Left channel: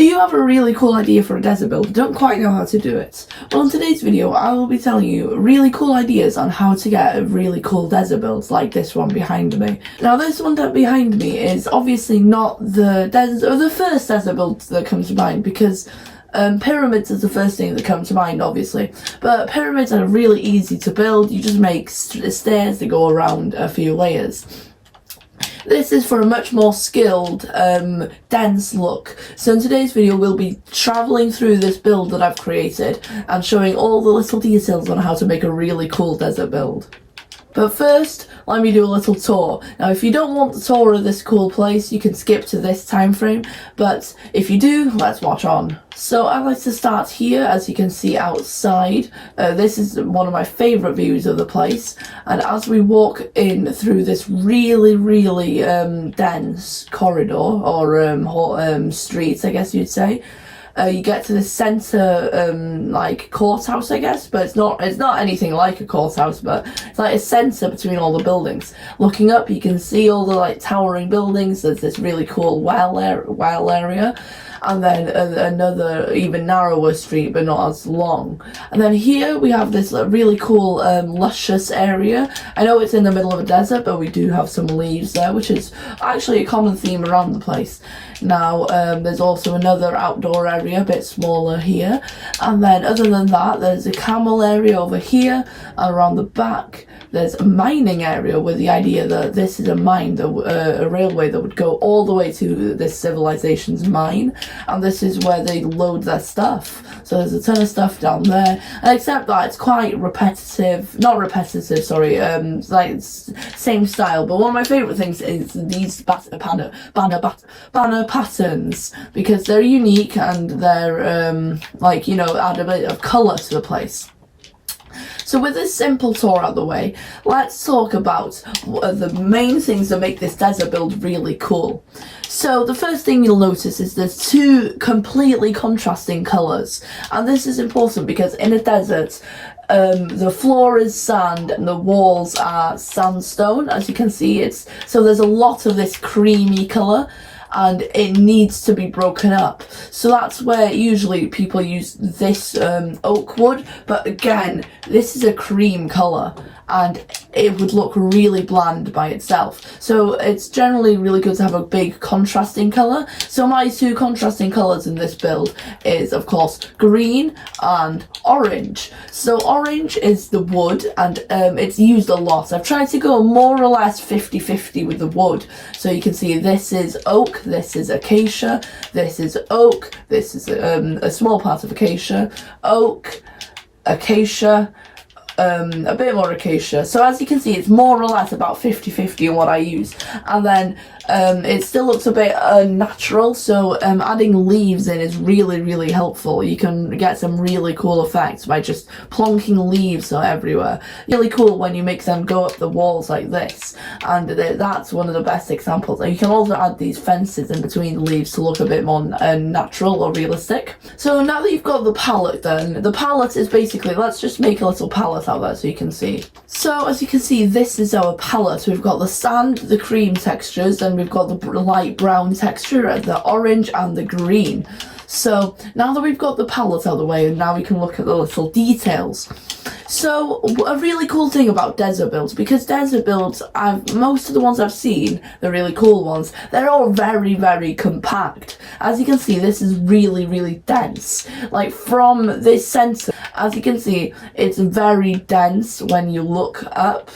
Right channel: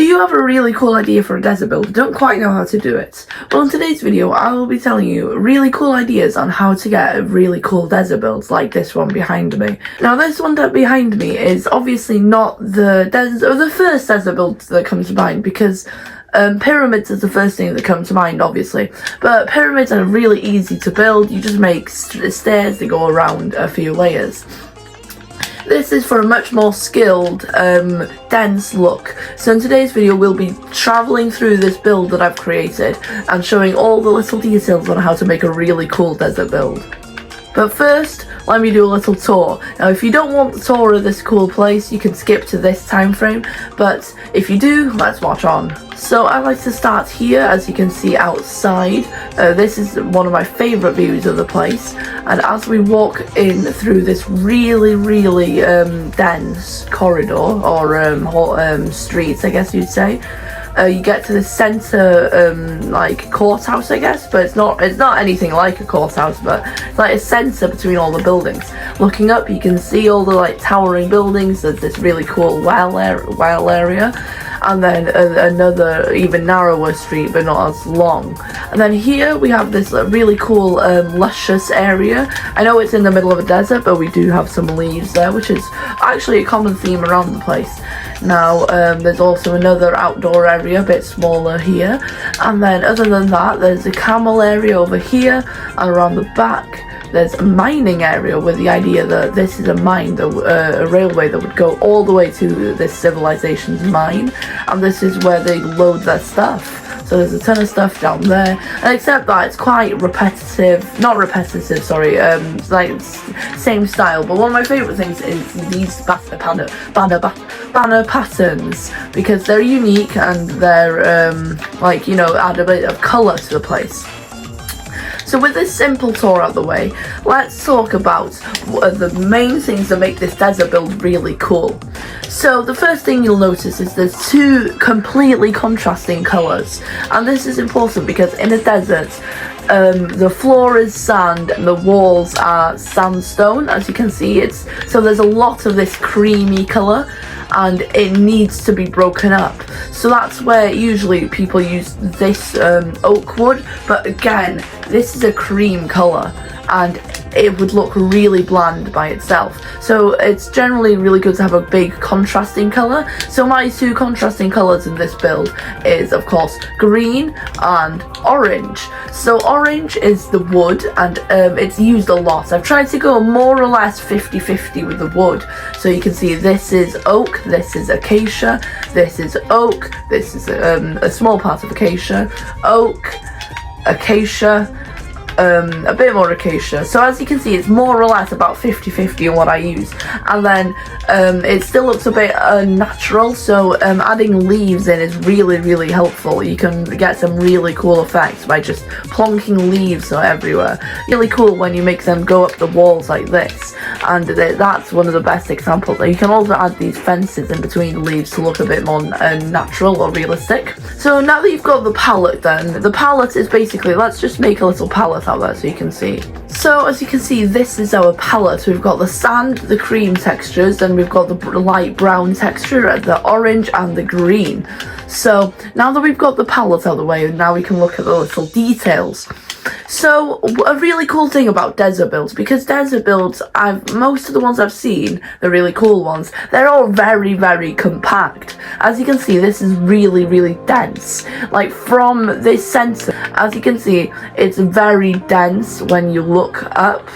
Do you have a really cool idea for a desert build but don't quite know how to do it? Well, in today's video I will be telling you really cool ideas on how to get a really cool desert build like this one behind me. Now this one behind me is obviously not the first desert build that comes to mind, because pyramids is the first thing that comes to mind, obviously, but pyramids are really easy to build. You just make stairs that go around a few layers. This is for a much more skilled, dense look. So in today's video we'll be travelling through this build that I've created and showing all the little details on how to make a really cool desert build. But first, let me do a little tour. Now if you don't want the tour of this cool place, you can skip to this time frame, but if you do, let's watch on. So I like to start here, as you can see outside. This is one of my favourite views of the place, and as we walk in through this really dense corridor, or streets I guess you'd say, you get to the centre like courthouse I guess, but it's not anything like a courthouse, but it's like a centre between all the buildings. Looking up you can see all the like towering buildings. There's this really cool well area, and then another even narrower street but not as long. And then here we have this really cool luscious area. I know it's in the middle of a desert, but we do have some leaves there, which is actually a common theme around the place. Now there's also another outdoor area, a bit smaller here, and then other than that there's a camel area over here, and around the back there's a mining area with the idea that this is a mine, a railway that would go all the way to this civilization's mine, and this is where they load their stuff. So there's a ton of stuff down there, and except that it's quite not repetitive, sorry, it's like same style. But one of my favourite things is these banner patterns, because they're unique and they're like, you know, add a bit of colour to the place. So with this simple tour out of the way, let's talk about the main things that make this desert build really cool. So the first thing you'll notice is there's two completely contrasting colours, and this is important because in a desert the floor is sand and the walls are sandstone, as you can see. So there's a lot of this creamy colour, and it needs to be broken up. So that's where usually people use this oak wood, but again, this is a cream colour and it would look really bland by itself. So it's generally really good to have a big contrasting colour. So my two contrasting colours in this build is of course green and orange. So orange is the wood, and it's used a lot. I've tried to go more or less 50-50 with the wood. So you can see this is oak, this is acacia, this is oak, this is a small part of acacia, oak, acacia, a bit more acacia. So as you can see, it's more or less about 50-50 in what I use, and then it still looks a bit unnatural, so adding leaves in is really helpful. You can get some really cool effects by just plonking leaves everywhere. Really cool when you make them go up the walls like this, and that's one of the best examples. You can also add these fences in between the leaves to look a bit more natural or realistic. So now that you've got the palette, then the palette is basically, let's just make a little palette out there so you can see. So as you can see, this is our palette. We've got the sand, the cream textures, and we've got the light brown texture, the orange and the green. So now that we've got the palette out of the way, now we can look at the little details. So a really cool thing about desert builds, because desert builds, most of the ones I've seen, the really cool ones, they're all very compact. As you can see, this is really dense. Like from this center, as you can see, it's very dense when you look up,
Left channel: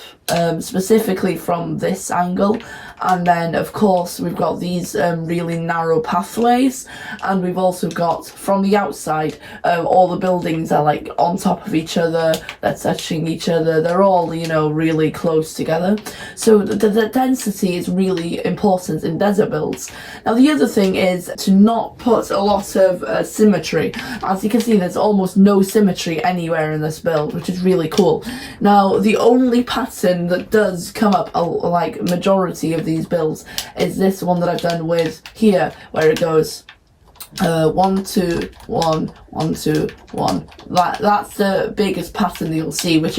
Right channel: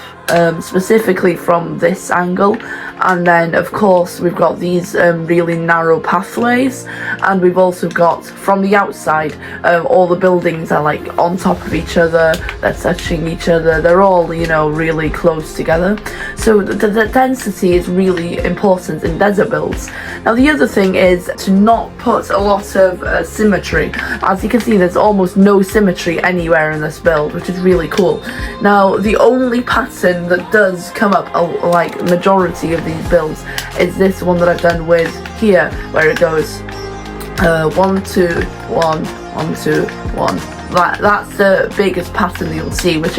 specifically from this angle. And then of course we've got these really narrow pathways, and we've also got from the outside all the buildings are like on top of each other, they're touching each other, they're all, you know, really close together. So the density is really important in desert builds. Now the other thing is to not put a lot of symmetry. As you can see, there's almost no symmetry anywhere in this build, which is really cool. Now the only pattern that does come up like majority of these builds is this one that I've done with here, where it goes 1 2 1 1 2 1. That's the biggest pattern that you'll see, which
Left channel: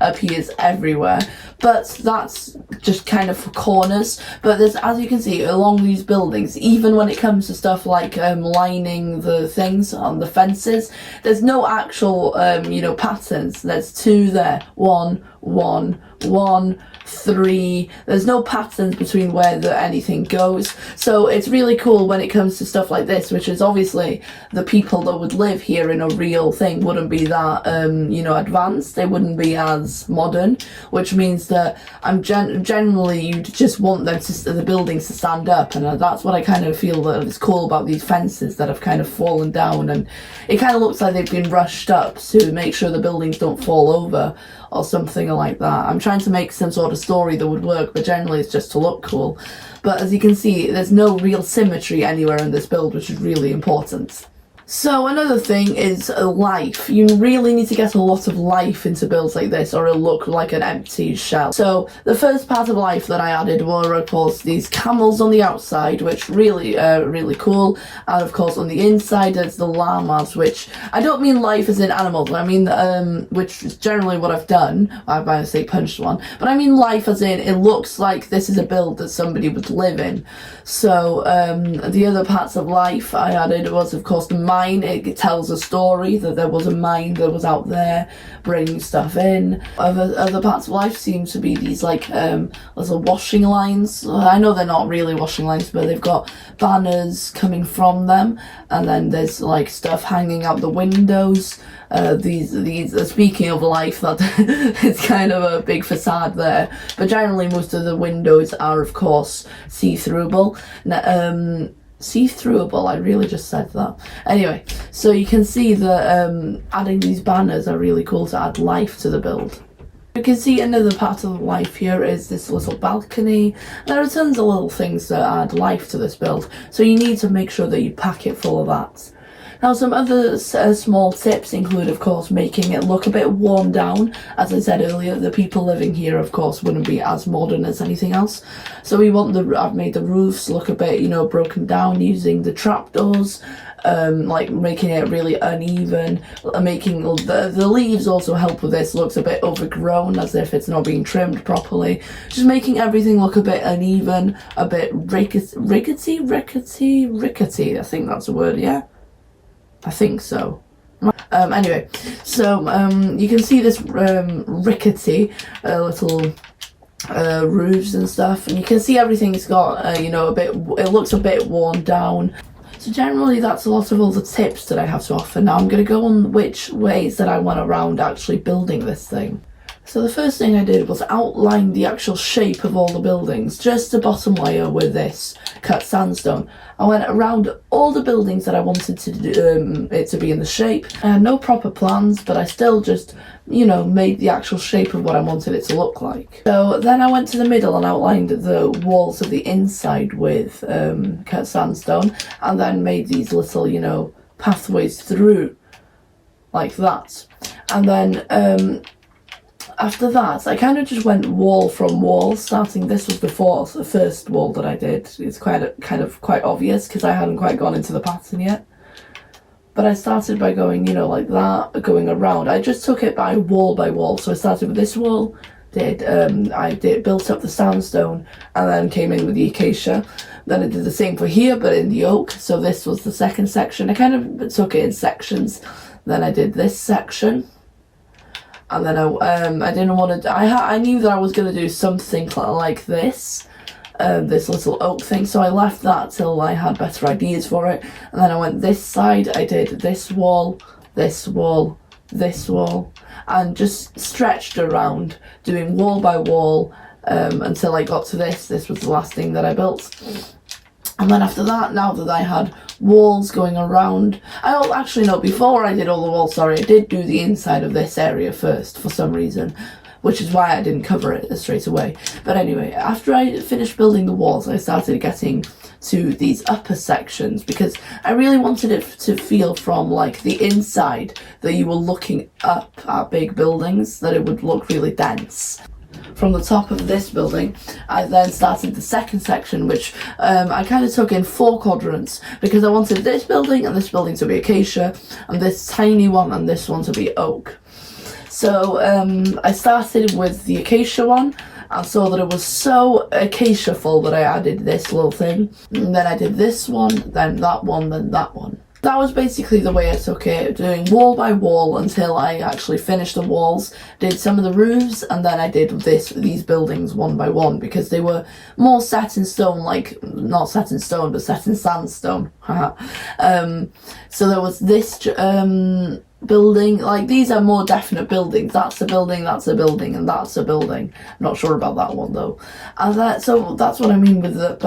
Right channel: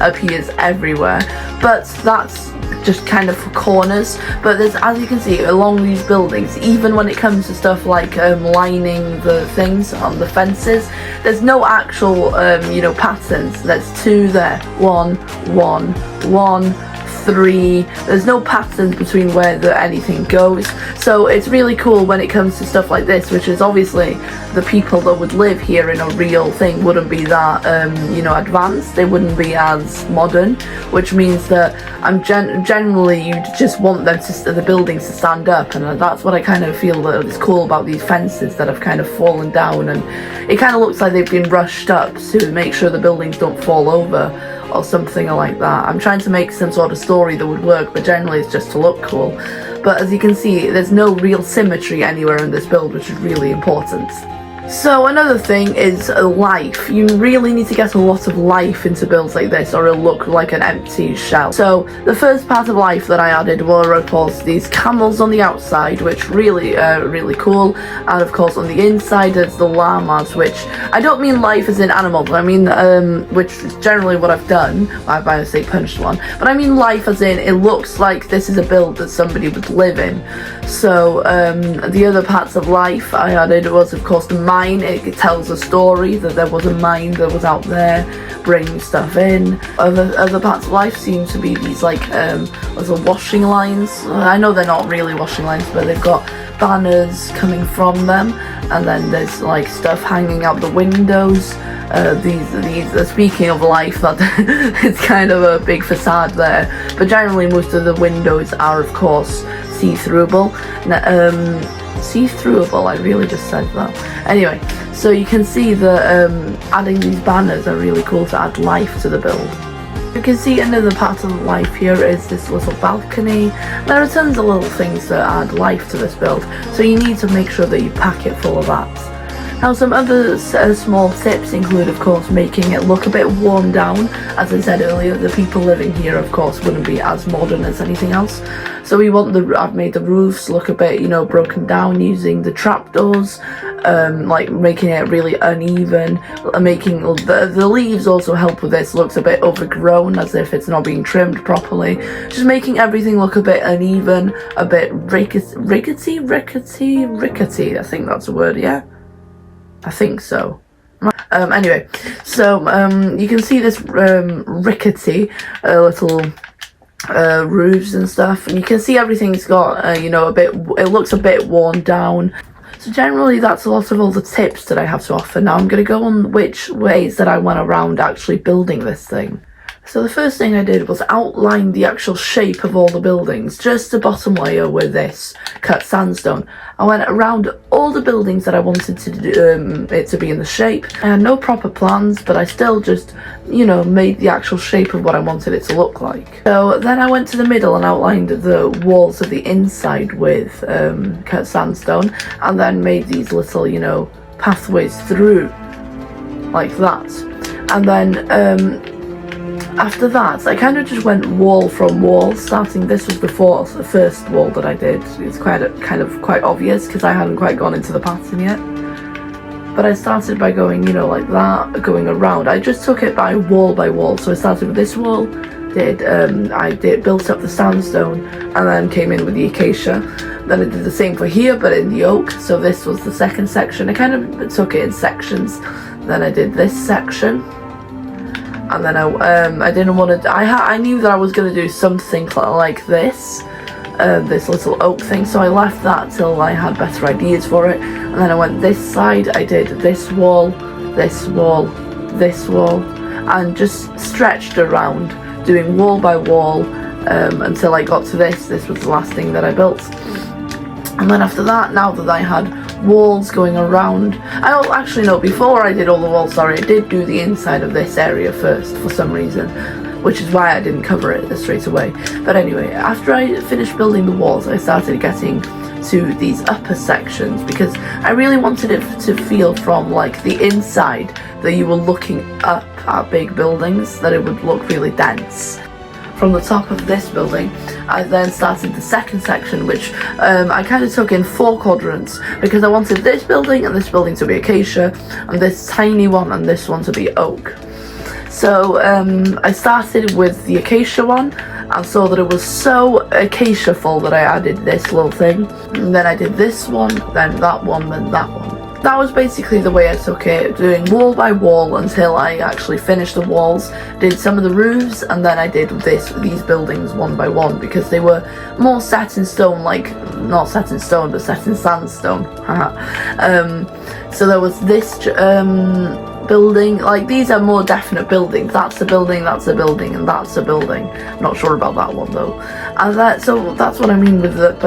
appears everywhere. but that's just kind of for corners. But there's, as you can see along these buildings, even when it comes to stuff like lining the things on the fences, there's no actual you know, patterns. There's 2 there, 1 1 1 3. There's no patterns between where anything goes, so it's really cool when it comes to stuff like this, which is obviously the people that would live here in a real thing wouldn't be that you know, advanced. They wouldn't be as modern, which means that generally you just want them to, the buildings to stand up, and that's what I kind of feel that is cool about these fences that have kind of fallen down, and it kind of looks like they've been rushed up to make sure the buildings don't fall over or something like that. I'm trying to make some sort of story that would work, but generally it's just to look cool. But as you can see, there's no real symmetry anywhere in this build, which is really important. So another thing is life. You really need to get a lot of life into builds like this, or it'll look like an empty shell. So the first part of life that I added were, of course, these camels on the outside, which really cool. And of course on the inside there's the llamas, which I don't mean life as in animals, I mean which is generally what I've done. I by mistake punched one, but I mean life as in it looks like this is a build that somebody would live in. So the other parts of life I added was, of course, the mine. It tells a story that there was a mine that was out there bringing stuff in. Other parts of life seem to be these like little washing lines. I know they're not really washing lines, but they've got banners coming from them, and then there's like stuff hanging out the windows. These speaking of life, that it's kind of a big facade there, but generally most of the windows are, of course, see-throughable. See-throughable, I really just said that. Anyway, so you can see that adding these banners are really cool to add life to the build. You can see another part of the life here is this little balcony. There are tons of little things that add life to this build, so you need to make sure that you pack it full of that. Now, some other small tips include, of course, making it look a bit worn down. As I said earlier, the people living here, of course, wouldn't be as modern as anything else. So we want I've made the roofs look a bit, you know, broken down using the trapdoors, like making it really uneven. Making the leaves also help with this. Looks a bit overgrown, as if it's not being trimmed properly. Just making everything look a bit uneven, a bit rickety. I think that's a word, yeah. I think so. Anyway, so you can see this rickety little roofs and stuff, and you can see everything's got you know, it looks a bit worn down. So generally that's a lot of all the tips that I have to offer. Now I'm going to go on which ways that I went around actually building this thing. So the first thing I did was outline the actual shape of all the buildings, just the bottom layer with this cut sandstone. I went around all the buildings that I wanted to do, it to be in the shape. I had no proper plans, but I still just, you know, made the actual shape of what I wanted it to look like. So then I went to the middle and outlined the walls of the inside with cut sandstone, and then made these little, you know, pathways through, like that. And then after that, I kind of just went wall from wall, starting, this was before the first wall that I did. It's quite obvious because I hadn't quite gone into the pattern yet. But I started by going, you know, like that, going around. I just took it by wall. So I started with this wall, built up the sandstone, and then came in with the acacia. Then I did the same for here, but in the oak. So this was the second section. I kind of took it in sections. Then I did this section. And then I didn't want to. I knew that I was going to do something like this, this little oak thing. So I left that till I had better ideas for it. And then I went this side. I did this wall, this wall, this wall, and just stretched around, doing wall by wall until I got to this. This was the last thing that I built. And then after that, now that I had walls going around, before I did all the walls, I did do the inside of this area first for some reason, which is why I didn't cover it straight away. But anyway, after I finished building the walls, I started getting to these upper sections, because I really wanted it to feel from like the inside that you were looking up at big buildings, that it would look really dense. From the top of this building, I then started the second section, which I kind of took in 4 quadrants, because I wanted this building and this building to be acacia, and this tiny one and this one to be oak. So I started with the acacia one and saw that it was so acacia full that I added this little thing. And then I did this one, then that one, then that one. That was basically the way I took it, doing wall by wall until I actually finished the walls, did some of the roofs, and then I did these buildings one by one because they were more set in stone, like, not set in stone, but set in sandstone. So there was this building, like these are more definite buildings. That's a building, that's a building, and that's a building. I'm not sure about that one though. And so that's what I mean with that.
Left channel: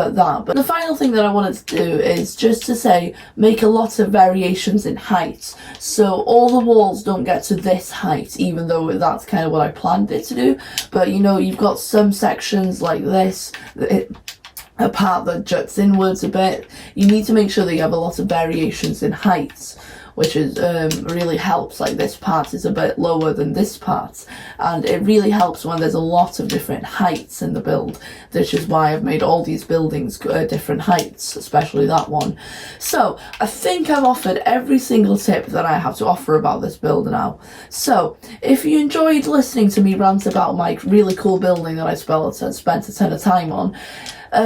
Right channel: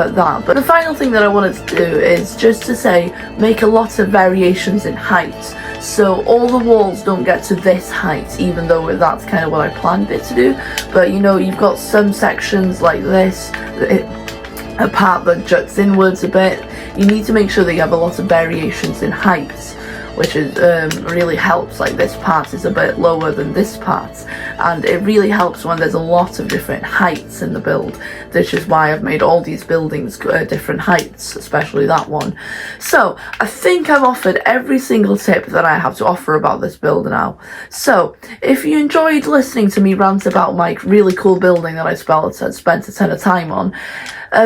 But the final thing that I wanted to do is just to say, make a lot of variations in height. So all the walls don't get to this height, even though that's kind of what I planned it to do. But you know, you've got some sections like this, a part that juts inwards a bit. You need to make sure that you have a lot of variations in heights, which is really helps. Like this part is a bit lower than this part, and it really helps when there's a lot of different heights in the build, which is why I've made all these buildings different heights, especially that one. So I think I've offered every single tip that I have to offer about this build now. So if you enjoyed listening to me rant about my really cool building that I spent a ton of time on,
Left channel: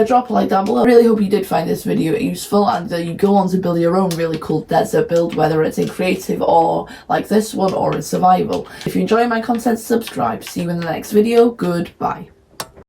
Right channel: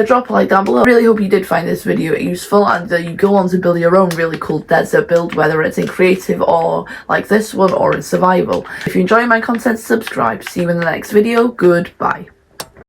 drop a like down below. I really hope you did find this video useful, and you go on to build your own really cool desert build, whether it's in creative or like this one or in survival. If you enjoy my content, subscribe. See you in the next video. Goodbye.